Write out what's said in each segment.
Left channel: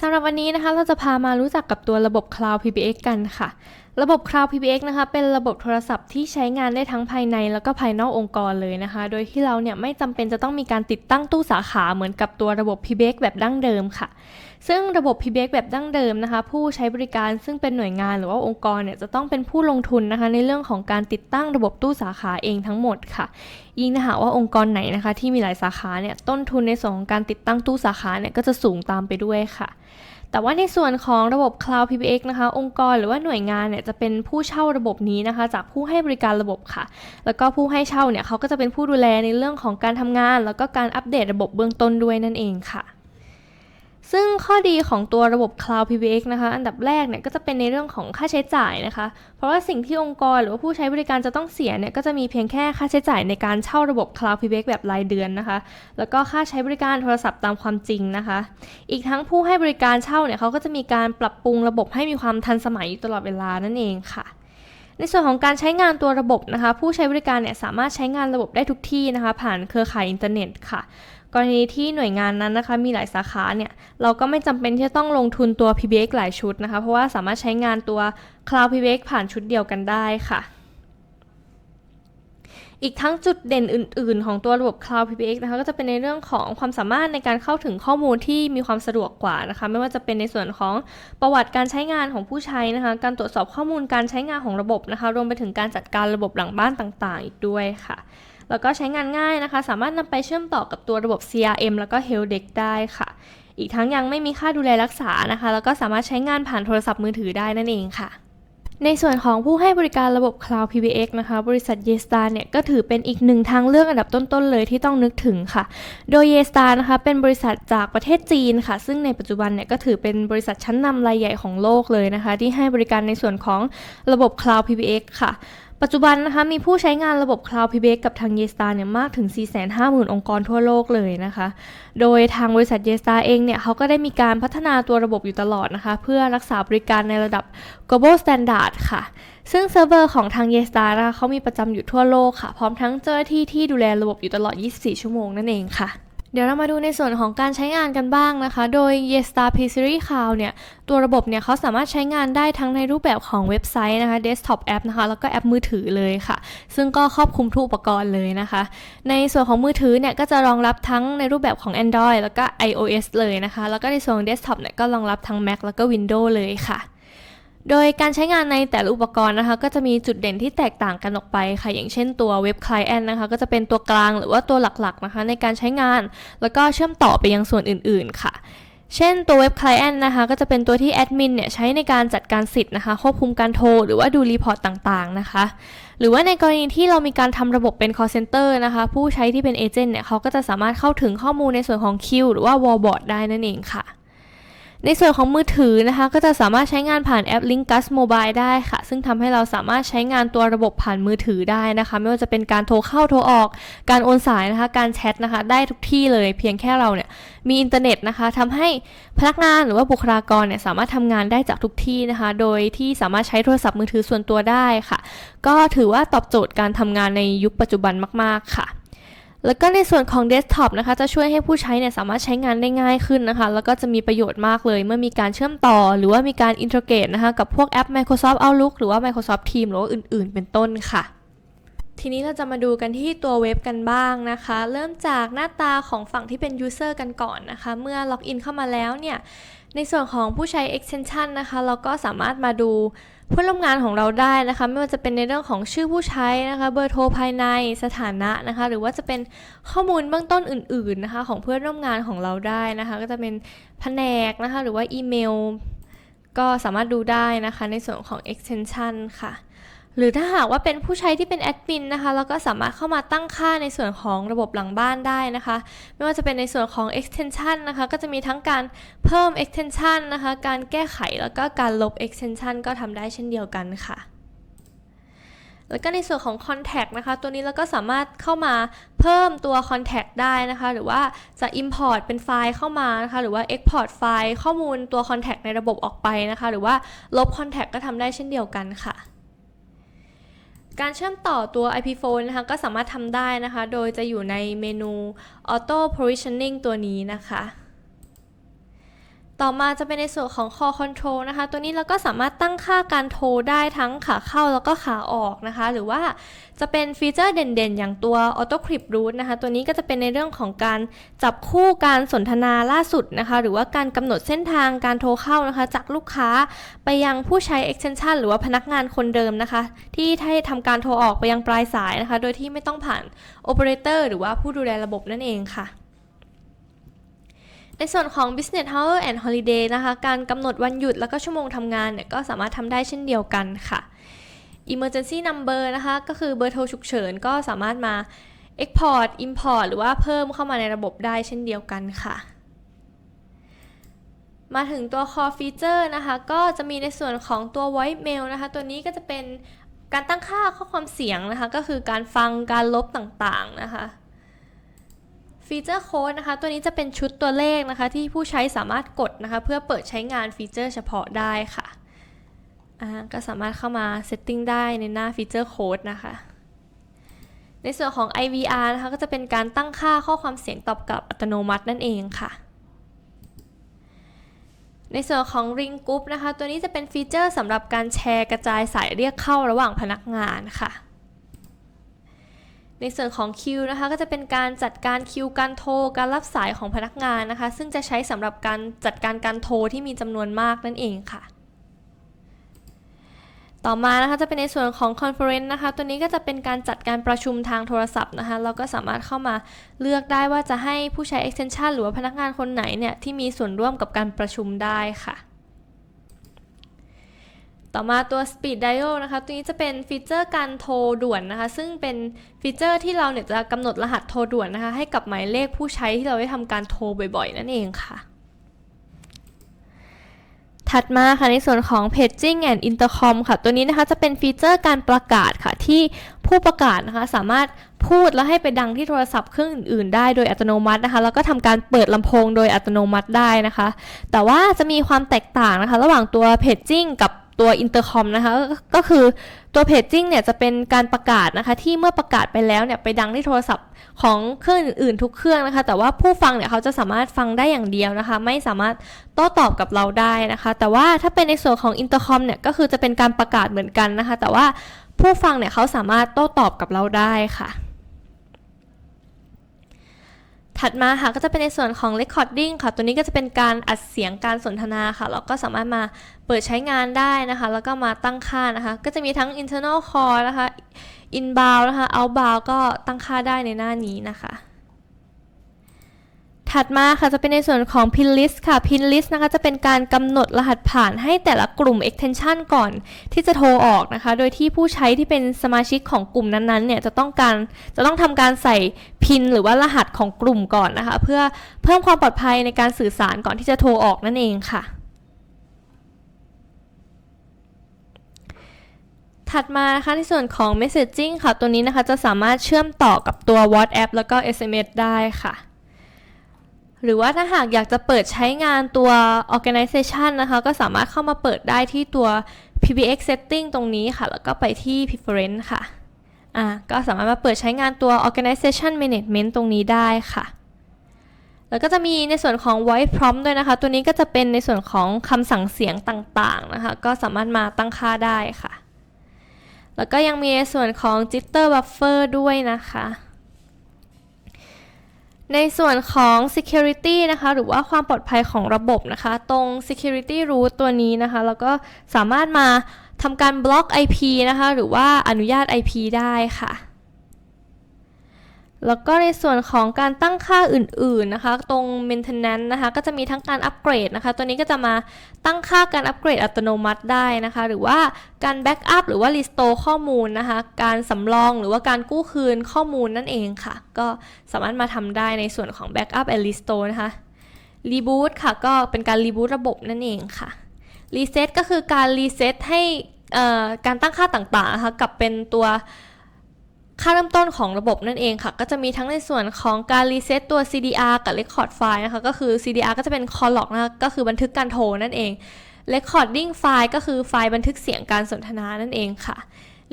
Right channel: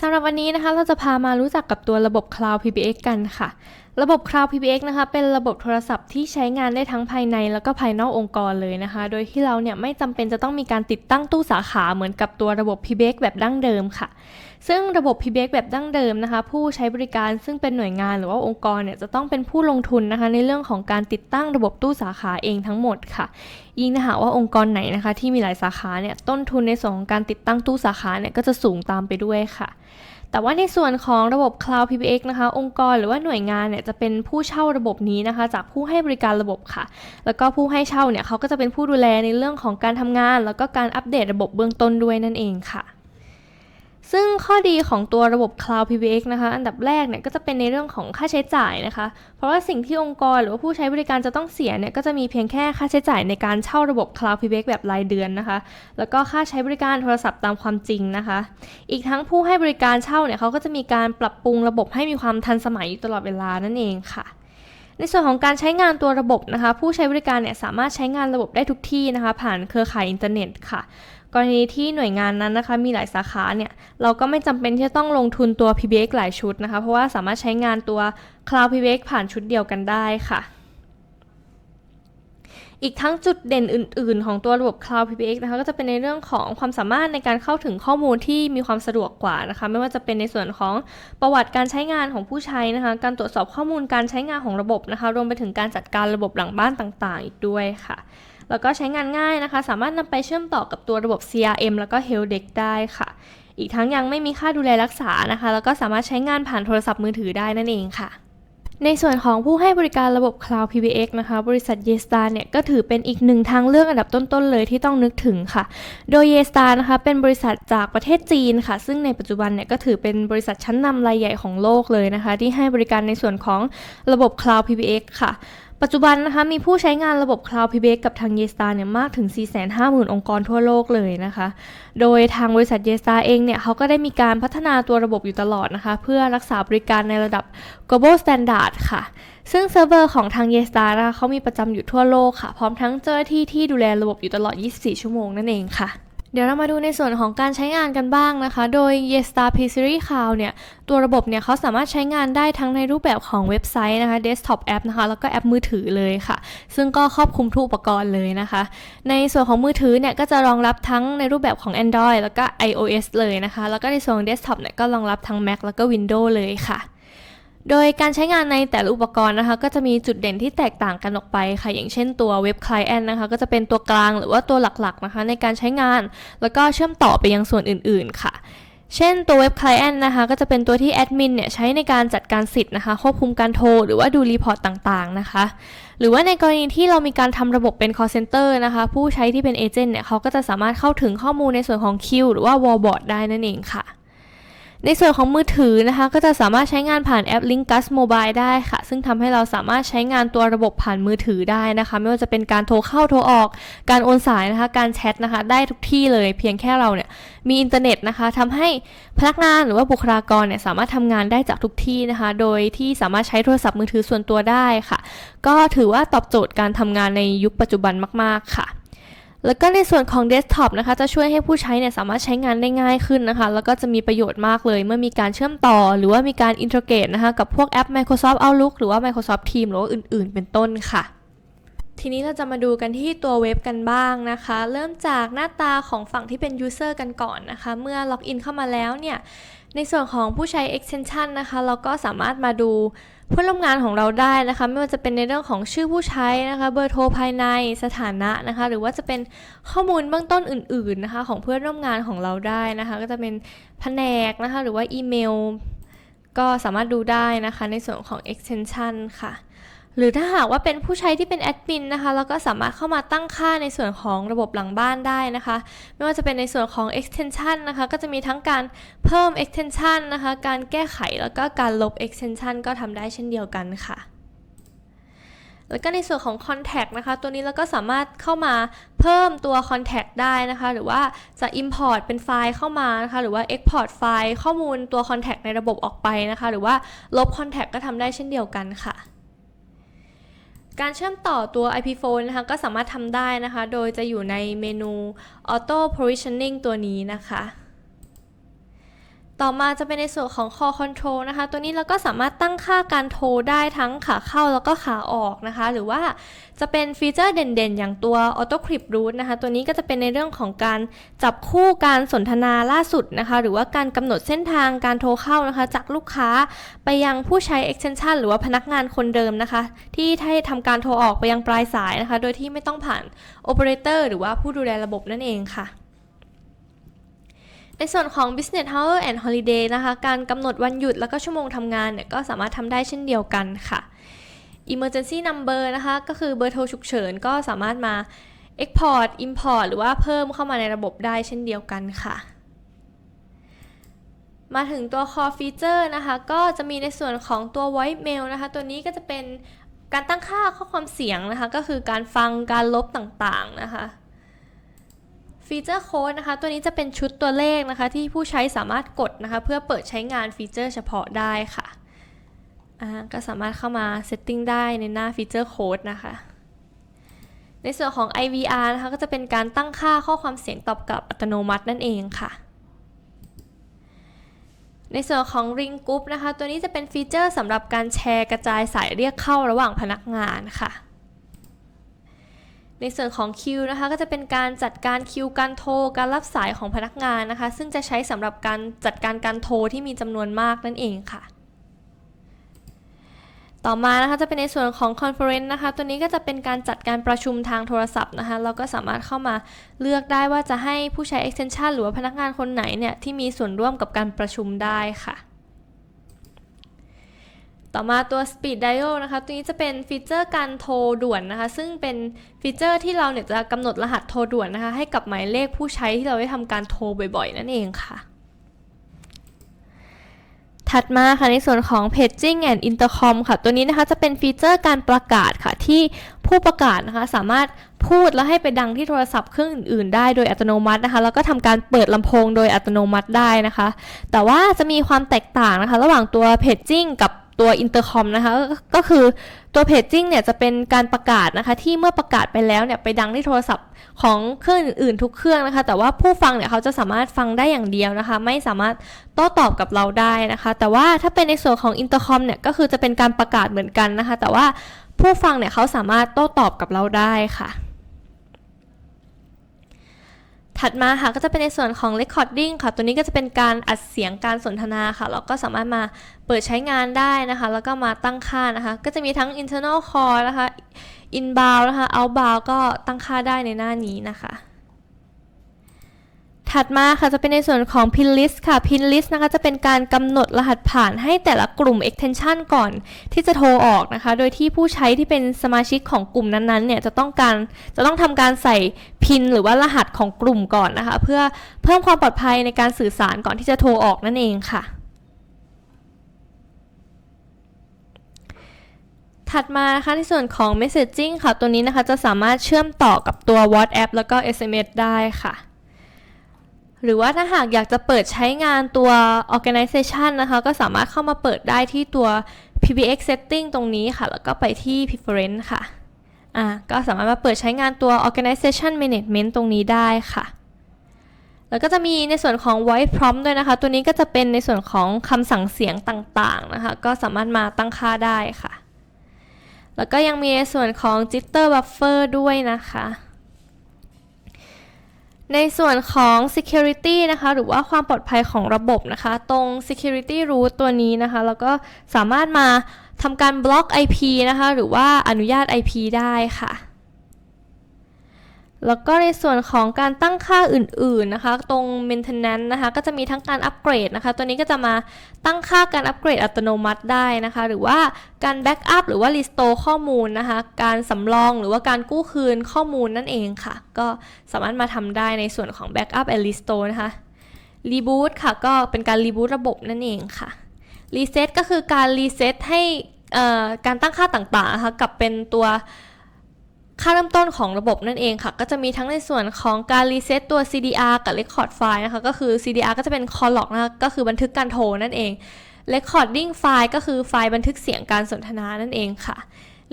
สำหรับวันนี้นะคะเราจะพามารู้จักกับตัวระบบ Cloud PBX กันค่ะ ระบบ Cloud PBX นะคะเป็นระบบโทรศัพท์ที่ใช้งานได้ทั้งภายในแล้วก็ภายนอกองค์กรเลยนะคะ โดยที่เราเนี่ยไม่จำเป็นจะต้องมีการติดตั้งตู้สาขาเหมือนกับตัวระบบ PBX แบบดั้งเดิมค่ะ ซึ่งระบบ PBX แบบดั้งเดิมนะคะ ผู้ใช้บริการซึ่งเป็นหน่วยงานหรือว่าองค์กรเนี่ยจะต้องเป็นผู้ลงทุนนะคะ ในเรื่องของการติดตั้งระบบตู้สาขาเองทั้งหมดค่ะ ยิ่งถ้าหากว่าองค์กรไหนนะคะ ที่มีหลายสาขาเนี่ยต้นทุนในส่วนของการติดตั้งตู้สาขาเนี่ยก็จะสูงตามไปด้วยค่ะแต่ว่าในส่วนของระบบ Cloud PBX นะคะ องค์กรหรือว่าหน่วยงานเนี่ยจะเป็นผู้เช่าระบบนี้นะคะ จากผู้ให้บริการระบบค่ะ แล้วก็ผู้ให้เช่าเนี่ยเขาก็จะเป็นผู้ดูแลในเรื่องของการทำงาน แล้วก็การอัปเดตระบบเบื้องต้นด้วยนั่นเองค่ะ ซึ่งข้อดีของตัวระบบ Cloud PBX นะคะ อันดับแรกเนี่ยก็จะเป็นในเรื่องของค่าใช้จ่ายนะคะ เพราะว่าสิ่งที่องค์กรหรือว่าผู้ใช้บริการจะต้องเสียเนี่ยก็จะมีเพียงแค่ค่าใช้จ่ายในการเช่าระบบ Cloud PBX แบบรายเดือนนะคะ แล้วก็ค่าใช้บริการโทรศัพท์ตามความจริงนะคะ อีกทั้งผู้ให้บริการเช่าเนี่ยเขาก็จะมีการปรับปรุงระบบให้มีความทันสมัยอยู่ตลอดเวลานั่นเองค่ะในส่วนของการใช้งานตัวระบบนะคะ ผู้ใช้บริการเนี่ยสามารถใช้งานระบบได้ทุกที่นะคะ ผ่านเครือข่ายอินเทอร์เน็ตค่ะ กรณีที่หน่วยงานนั้นนะคะมีหลายสาขาเนี่ยเราก็ไม่จำเป็นที่จะต้องลงทุนตัว PBX หลายชุดนะคะ เพราะว่าสามารถใช้งานตัว Cloud PBX ผ่านชุดเดียวกันได้ค่ะ อีกทั้งจุดเด่นอื่น ๆ ของตัวระบบ Cloud PBX นะคะก็จะเป็นในเรื่องของความสามารถในการเข้าถึงข้อมูลที่มีความสะดวกกว่านะคะ ไม่ว่าจะเป็นในส่วนของประวัติการใช้งานของผู้ใช้นะคะ การตรวจสอบข้อมูลการใช้งานของระบบนะคะ รวมไปถึงการจัดการระบบหลังบ้านต่าง ๆ อีกด้วยค่ะ แล้วก็ใช้งานง่ายนะคะ สามารถนำไปเชื่อมต่อกับตัวระบบ CRM แล้วก็ Helpdesk ได้ค่ะ อีกทั้งยังไม่มีค่าดูแลรักษานะคะ แล้วก็สามารถใช้งานผ่านโทรศัพท์มือถือได้นั่นเองค่ะในส่วนของผู้ให้บริการระบบ Cloud PBX นะคะ บริษัท Yestar เนี่ยก็ถือเป็นอีกหนึ่งทางเลือกอันดับต้น ๆ เลยที่ต้องนึกถึงค่ะ โดย Yestar นะคะเป็นบริษัทจากประเทศจีนค่ะ ซึ่งในปัจจุบันเนี่ยก็ถือเป็นบริษัทชั้นนำรายใหญ่ของโลกเลยนะคะ ที่ให้บริการในส่วนของระบบ Cloud PBX ค่ะ ปัจจุบันนะคะมีผู้ใช้งานระบบ Cloud PBX กับทาง Yestar เนี่ยมากถึง 450,000 องค์กรทั่วโลกเลยนะคะ โดยทางบริษัท Yestar เองเนี่ยเขาก็ได้มีการพัฒนาตัวระบบอยู่ตลอดนะคะ เพื่อรักษาบริการในระดับ global standard ค่ะ ซึ่งเซิร์ฟเวอร์ของทาง Yestar นะคะเขามีประจำอยู่ทั่วโลกค่ะ พร้อมทั้งเจ้าหน้าที่ที่ดูแลระบบอยู่ตลอด 24 ชั่วโมงนั่นเองค่ะ เดี๋ยวเรามาดูในส่วนของการใช้งานกันบ้างนะคะ โดย Yestar P Series Cloud เนี่ย ตัวระบบเนี่ยเขาสามารถใช้งานได้ทั้งในรูปแบบของเว็บไซต์นะคะ desktop app นะคะ แล้วก็แอปมือถือเลยค่ะ ซึ่งก็ครอบคลุมทุกอุปกรณ์เลยนะคะ ในส่วนของมือถือเนี่ย ก็จะรองรับทั้งในรูปแบบของ Android แล้วก็ iOS เลยนะคะ แล้วก็ในส่วนของ desktop เนี่ยก็รองรับทั้ง Mac แล้วก็ Windows เลยค่ะ โดยการใช้งานในแต่ละอุปกรณ์นะคะ ก็จะมีจุดเด่นที่แตกต่างกันออกไปค่ะ อย่างเช่นตัวเว็บ Client นะคะ ก็จะเป็นตัวกลางหรือว่าตัวหลักๆนะคะ ในการใช้งาน แล้วก็เชื่อมต่อไปยังส่วนอื่นๆค่ะ เช่นตัวเว็บ Client นะคะ ก็จะเป็นตัวที่แอดมินเนี่ยใช้ในการจัดการสิทธิ์นะคะ ควบคุมการโทร หรือว่าดูรีพอร์ตต่างๆนะคะ หรือว่าในกรณีที่เรามีการทำระบบเป็น call center นะคะ ผู้ใช้ที่เป็นเอเจนต์เนี่ยเขาก็จะสามารถเข้าถึงข้อมูลในส่วนของคิวหรือว่า wallboard ได้นั่นเองค่ะ ในส่วนของมือถือนะคะ ก็จะสามารถใช้งานผ่านแอป Linkus Mobile ได้ค่ะ ซึ่งทำให้เราสามารถใช้งานตัวระบบผ่านมือถือได้นะคะ ไม่ว่าจะเป็นการโทรเข้าโทรออก การโอนสายนะคะ การแชทนะคะ ได้ทุกที่เลยเพียงแค่เราเนี่ยมีอินเทอร์เน็ตนะคะทำให้พนักงานหรือว่าบุคลากรเนี่ยสามารถทำงานได้จากทุกที่นะคะ โดยที่สามารถใช้โทรศัพท์มือถือส่วนตัวได้ค่ะ ก็ถือว่าตอบโจทย์การทำงานในยุคปัจจุบันมาก ๆ ค่ะ แล้วก็ในส่วนของเดสก์ท็อปนะคะจะช่วยให้ผู้ใช้เนี่ยสามารถใช้งานได้ง่ายขึ้นนะคะ แล้วก็จะมีประโยชน์มากเลย เมื่อมีการเชื่อมต่อ หรือว่ามีการอินท r เกรตนะคะกับพวกแอป Microsoft Outlook หรือว่า Microsoft Teams หรือว่าอื่น ๆ เป็นต้นค่ะทีนี้เราจะมาดูกันที่ตัวเว็บกันบ้างนะคะ เริ่มจากหน้าตาของฝั่งที่เป็น User กันก่อนนะคะ เมื่อล็อกอินเข้ามาแล้วเนี่ย ในส่วนของผู้ใช้ extension นะคะ เราก็สามารถมาดู เพื่อนร่วมงานของเราได้นะคะ ไม่ว่าจะเป็นในเรื่องของชื่อผู้ใช้นะคะเบอร์โทรภายในสถานะนะคะ หรือว่าจะเป็นข้อมูลเบื้องต้นอื่นๆนะคะ ของเพื่อนร่วมงานของเราได้นะคะ ก็จะเป็นแผนกนะคะ หรือว่าอีเมล ก็สามารถดูได้นะคะในส่วนของ extension ค่ะ หรือถ้าหากว่าเป็นผู้ใช้ที่เป็นแอดมินนะคะเราก็สามารถเข้ามาตั้งค่าในส่วนของระบบหลังบ้านได้นะคะ ไม่ว่าจะเป็นในส่วนของ extension นะคะ ก็จะมีทั้งการเพิ่ม extension นะคะ การแก้ไขแล้วก็การลบ extension ก็ทำได้เช่นเดียวกันค่ะแล้วก็ในส่วนของ contact นะคะ ตัวนี้เราก็สามารถเข้ามาเพิ่มตัว contact ได้นะคะ หรือว่าจะ import เป็นไฟล์เข้ามานะคะ หรือว่า export ไฟล์ข้อมูลตัว contact ในระบบออกไปนะคะ หรือว่าลบ contact ก็ทำได้เช่นเดียวกันค่ะ การเชื่อมต่อตัว IP phone นะคะก็สามารถทำได้นะคะ โดยจะอยู่ในเมนู auto provisioning ตัวนี้นะคะ ต่อมาจะเป็นในส่วนของ call control นะคะ ตัวนี้เราก็สามารถตั้งค่าการโทรได้ทั้งขาเข้าแล้วก็ขาออกนะคะ หรือว่าจะเป็นฟีเจอร์เด่นๆ อย่างตัว auto crypt root นะคะ ตัวนี้ก็จะเป็นในเรื่องของการจับคู่การสนทนาล่าสุดนะคะ หรือว่าการกำหนดเส้นทางการโทรเข้านะคะ จากลูกค้าไปยังผู้ใช้ extension หรือว่าพนักงานคนเดิมนะคะ ที่ให้ทำการโทรออกไปยังปลายสายนะคะ โดยที่ไม่ต้องผ่าน operator หรือว่าผู้ดูแลระบบนั่นเองค่ะ ในส่วนของ business hour and holiday นะคะ การกำหนดวันหยุดแล้วก็ชั่วโมงทำงานเนี่ยก็สามารถทำได้เช่นเดียวกันค่ะ emergency number นะคะ ก็คือเบอร์โทรฉุกเฉินก็สามารถมา export import หรือว่าเพิ่มเข้ามาในระบบได้เช่นเดียวกันค่ะ มาถึงตัว core feature นะคะ ก็จะมีในส่วนของตัว voice mail นะคะ ตัวนี้ก็จะเป็นการตั้งค่าข้อความเสียงนะคะ ก็คือการฟังการลบต่างๆนะคะ ฟีเจอร์โค้ดนะคะ ตัวนี้จะเป็นชุดตัวเลขนะคะ ที่ผู้ใช้สามารถกดนะคะ เพื่อเปิดใช้งานฟีเจอร์เฉพาะได้ค่ะก็สามารถเข้ามาเซตติ้งได้ในหน้าฟีเจอร์โค้ดนะคะ ในส่วนของ IVR นะคะ ก็จะเป็นการตั้งค่าข้อความเสียงตอบกลับอัตโนมัตินั่นเองค่ะในส่วนของ Ring Group นะคะ ตัวนี้จะเป็นฟีเจอร์สำหรับการแชร์กระจายสายเรียกเข้าระหว่างพนักงานค่ะ ในส่วนของคิวนะคะก็จะเป็นการจัดการคิวการโทรการรับสายของพนักงานนะคะ ซึ่งจะใช้สำหรับการจัดการการโทรที่มีจำนวนมากนั่นเองค่ะ ต่อมานะคะจะเป็นในส่วนของ Conference นะคะ ตัวนี้ก็จะเป็นการจัดการประชุมทางโทรศัพท์นะคะ เราก็สามารถเข้ามาเลือกได้ว่าจะให้ผู้ใช้ extension หรือว่าพนักงานคนไหนเนี่ยที่มีส่วนร่วมกับการประชุมได้ค่ะ ต่อมาตัว Speed Dial นะคะ ตัวนี้จะเป็นฟีเจอร์การโทรด่วนนะคะ ซึ่งเป็นฟีเจอร์ที่เราเนี่ยจะกำหนดรหัสโทรด่วนนะคะ ให้กับหมายเลขผู้ใช้ที่เราได้ทำการโทรบ่อยๆ นั่นเองค่ะ ถัดมาค่ะในส่วนของ Paging and Intercom ค่ะ ตัวนี้นะคะจะเป็นฟีเจอร์การประกาศค่ะ ที่ผู้ประกาศนะคะสามารถพูดแล้วให้ไปดังที่โทรศัพท์เครื่องอื่นๆ ได้โดยอัตโนมัตินะคะ แล้วก็ทำการเปิดลำโพงโดยอัตโนมัติได้นะคะ แต่ว่าจะมีความแตกต่างนะคะ ระหว่างตัว Paging กับ ตัว Intercom นะคะก็คือตัว Paging เนี่ยจะเป็นการประกาศนะคะที่เมื่อประกาศไปแล้วเนี่ยไปดังที่โทรศัพท์ของเครื่องอื่นๆทุกเครื่องนะคะ แต่ว่าผู้ฟังเนี่ยเขาจะสามารถฟังได้อย่างเดียวนะคะ ไม่สามารถโต้ตอบกับเราได้นะคะ แต่ว่าถ้าเป็นในส่วนของ Intercom เนี่ยก็คือจะเป็นการประกาศเหมือนกันนะคะ แต่ว่าผู้ฟังเนี่ยเขาสามารถโต้ตอบกับเราได้ค่ะ ถัดมาค่ะก็จะเป็นในส่วนของ recording ค่ะ ตัวนี้ก็จะเป็นการอัดเสียงการสนทนาค่ะ เราก็สามารถมาเปิดใช้งานได้นะคะ แล้วก็มาตั้งค่านะคะ ก็จะมีทั้ง internal call นะคะ inbound นะคะ outbound ก็ตั้งค่าได้ในหน้านี้นะคะ ถัดมาค่ะจะเป็นในส่วนของ pin list ค่ะ pin list นะคะจะเป็นการกำหนดรหัสผ่านให้แต่ละกลุ่ม extension ก่อนที่จะโทรออกนะคะ โดยที่ผู้ใช้ที่เป็นสมาชิกของกลุ่มนั้นๆเนี่ยจะต้องการจะต้องทำการใส่พินหรือว่ารหัสของกลุ่มก่อนนะคะ เพื่อเพิ่มความปลอดภัยในการสื่อสารก่อนที่จะโทรออกนั่นเองค่ะถัดมานะคะในส่วนของ messaging ค่ะ ตัวนี้นะคะจะสามารถเชื่อมต่อกับตัว WhatsApp แล้วก็ SMS ได้ค่ะ หรือว่าถ้าหากอยากจะเปิดใช้งานตัว organization นะคะ ก็สามารถเข้ามาเปิดได้ที่ตัว PBX setting ตรงนี้ค่ะ แล้วก็ไปที่ preference ค่ะ อ่า ก็สามารถมาเปิดใช้งานตัว organization management ตรงนี้ได้ค่ะ แล้วก็จะมีในส่วนของ voice prompt ด้วยนะคะ ตัวนี้ก็จะเป็นในส่วนของคำสั่งเสียงต่างๆนะคะ ก็สามารถมาตั้งค่าได้ค่ะ แล้วก็ยังมีในส่วนของ jitter buffer ด้วยนะคะ ในส่วนของ security นะคะหรือว่าความปลอดภัยของระบบนะคะ ตรง security root ตัวนี้นะคะ แล้วก็สามารถมาทำการบล็อก IP นะคะ หรือว่าอนุญาต IP ได้ค่ะ แล้วก็ในส่วนของการตั้งค่าอื่นๆนะคะ ตรง maintenance นะคะ ก็จะมีทั้งการอัปเกรดนะคะ ตัวนี้ก็จะมาตั้งค่าการอัปเกรดอัตโนมัติได้นะคะ หรือว่าการแบ็กอัพหรือว่า restore ข้อมูลนะคะ การสำรองหรือว่าการกู้คืนข้อมูลนั่นเองค่ะ ก็สามารถมาทำได้ในส่วนของ backup and restore นะคะ reboot ค่ะ ก็เป็นการ reboot ระบบนั่นเองค่ะ reset ก็คือการ reset ให้การตั้งค่าต่างๆนะคะกลับเป็นตัว ค่าเริ่มต้นของระบบนั่นเองค่ะ ก็จะมีทั้งในส่วนของการ reset ตัว CDR กับ record file นะคะ ก็คือ CDR ก็จะเป็น call log นะคะก็คือบันทึกการโทรนั่นเอง recording file ก็คือไฟล์บันทึกเสียงการสนทนานั่นเองค่ะ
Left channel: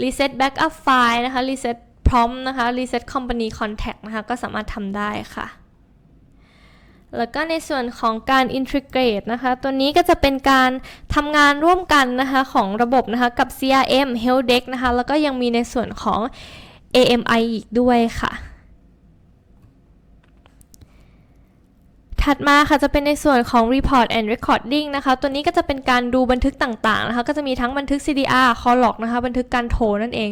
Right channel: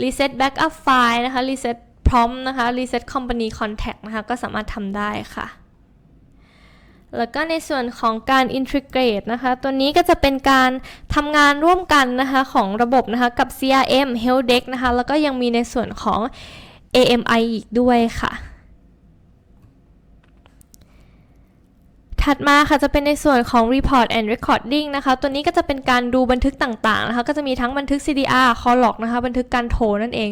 reset backup file นะคะ reset prompt นะคะ reset company contact นะคะ ก็สามารถทำได้ค่ะ แล้วก็ในส่วนของการ integrate นะคะ ตัวนี้ก็จะเป็นการทำงานร่วมกันนะคะของระบบนะคะกับ CRM Helpdesk นะคะ แล้วก็ยังมีในส่วนของ AMI อีกด้วยค่ะ ถัดมาค่ะจะเป็นในส่วนของ Report and Recording นะคะ ตัวนี้ก็จะเป็นการดูบันทึกต่างๆนะคะ ก็จะมีทั้งบันทึก CDR call log นะคะ บันทึกการโทรนั่นเอง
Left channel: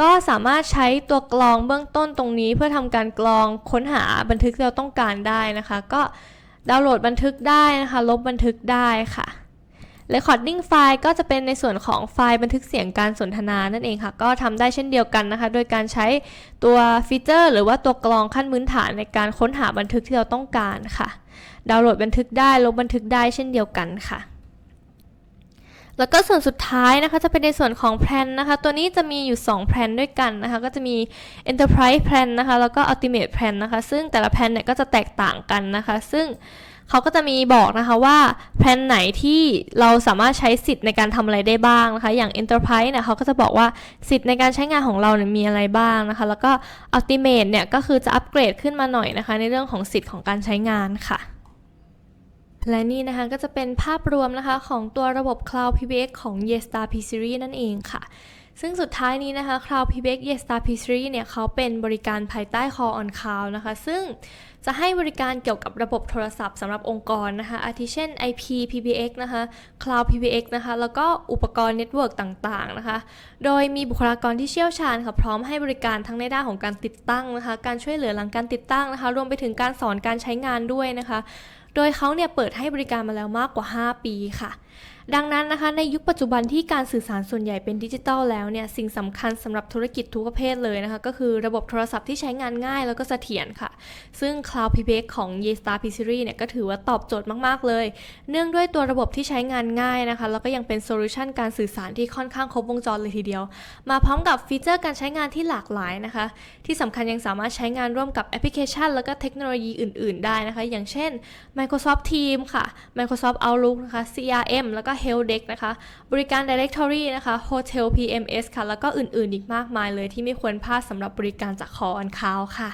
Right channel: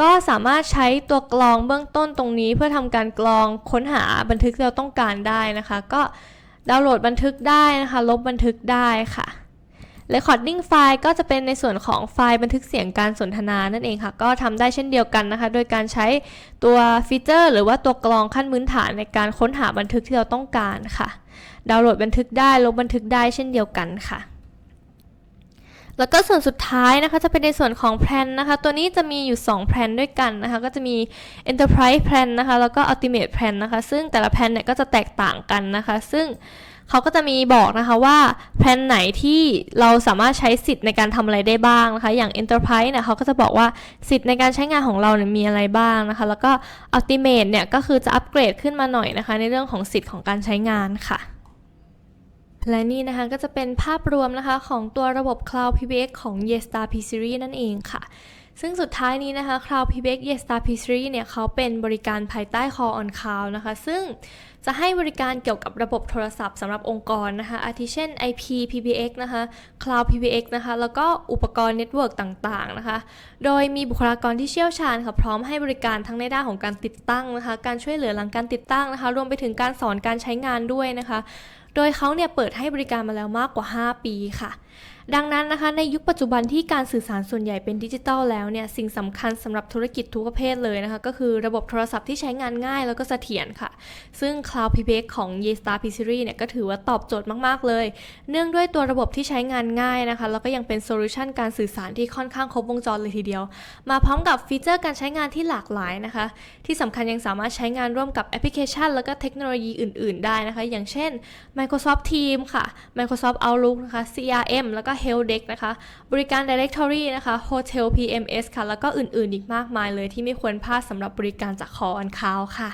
ก็สามารถใช้ตัวกรองเบื้องต้นตรงนี้ เพื่อทำการกรองค้นหาบันทึกที่เราต้องการได้นะคะ ก็ดาวน์โหลดบันทึกได้นะคะ ลบบันทึกได้ค่ะ Recording ไฟล์ก็จะเป็นในส่วนของไฟล์บันทึกเสียงการสนทนานั่นเองค่ะ ก็ทำได้เช่นเดียวกันนะคะ โดยการใช้ตัวฟีเจอร์ หรือว่าตัวกรองขั้นพื้นฐานในการค้นหาบันทึกที่เราต้องการค่ะ ดาวน์โหลดบันทึกได้ ลบบันทึกได้เช่นเดียวกันค่ะแล้วก็ส่วนสุดท้ายนะคะจะเป็นในส่วนของแพลนนะคะ ตัวนี้จะมีอยู่ 2 แพลนด้วยกันนะคะ ก็จะมี Enterprise Plan นะคะ แล้วก็ Ultimate Plan นะคะ ซึ่งแต่ละแพลนเนี่ยก็จะแตกต่างกันนะคะ ซึ่ง เขาก็จะมีบอกนะคะว่าแพลนไหนที่เราสามารถใช้สิทธิ์ในการทำอะไรได้บ้างนะคะ อย่าง Enterprise เนี่ยเขาก็จะบอกว่าสิทธิ์ในการใช้งานของเราเนี่ยมีอะไรบ้างนะคะ แล้วก็ Ultimate เนี่ยก็คือจะอัปเกรดขึ้นมาหน่อยนะคะ ในเรื่องของสิทธิ์ของการใช้งานค่ะและนี่นะคะก็จะเป็นภาพรวมนะคะของตัวระบบ Cloud PBX ของ Yestar P Series นั่นเองค่ะ ซึ่งสุดท้ายนี้นะคะ Cloud PBX Yestar P Series เนี่ยเขาเป็นบริการภายใต้ Call on Cloud นะคะ ซึ่งจะให้บริการเกี่ยวกับระบบโทรศัพท์สำหรับองค์กรนะคะ อาทิเช่น IP PBX นะคะ Cloud PBX นะคะ แล้วก็อุปกรณ์เน็ตเวิร์กต่างๆนะคะ โดยมีบุคลากรที่เชี่ยวชาญค่ะพร้อมให้บริการทั้งในด้านของการติดตั้งนะคะ การช่วยเหลือหลังการติดตั้งนะคะ รวมไปถึงการสอนการใช้งานด้วยนะคะ โดยเขาเนี่ยเปิดให้บริการมาแล้วมากกว่า 5 ปีค่ะ ดังนั้นนะคะในยุคปัจจุบันที่การสื่อสารส่วนใหญ่เป็นดิจิทัลแล้วเนี่ยสิ่งสำคัญสำหรับธุรกิจทุกประเภทเลยนะคะ ก็คือระบบโทรศัพท์ที่ใช้งานง่ายแล้วก็เสถียรค่ะ ซึ่ง Cloud PBX ของ y e s t a r P Series เนี่ยก็ถือว่าตอบโจทย์มาก ๆ เลย เนื่องด้วยตัวระบบที่ใช้งานง่ายนะคะ แล้วก็ยังเป็นโซลูชันการสื่อสารที่ค่อนข้างครบวงจรเลยทีเดียว มาพร้อมกับฟีเจอร์การใช้งานที่หลากหลายนะคะ ที่สำคัญยังสามารถใช้งานร่วมกับแอปพลิเคชัน แล้วก็เทคโนโลยีอื่น ๆ ได้นะคะ อย่างเช่น Microsoft Teams ค่ะ Microsoft Outlook นะคะ CRM แล้วก็ Health Deck นะคะ บริการ Directory นะคะ Hotel PMS ค่ะ แล้วก็อื่นๆอีกมากมายเลยที่ไม่ควรพลาดสำหรับบริการจากคออันคาวค่ะ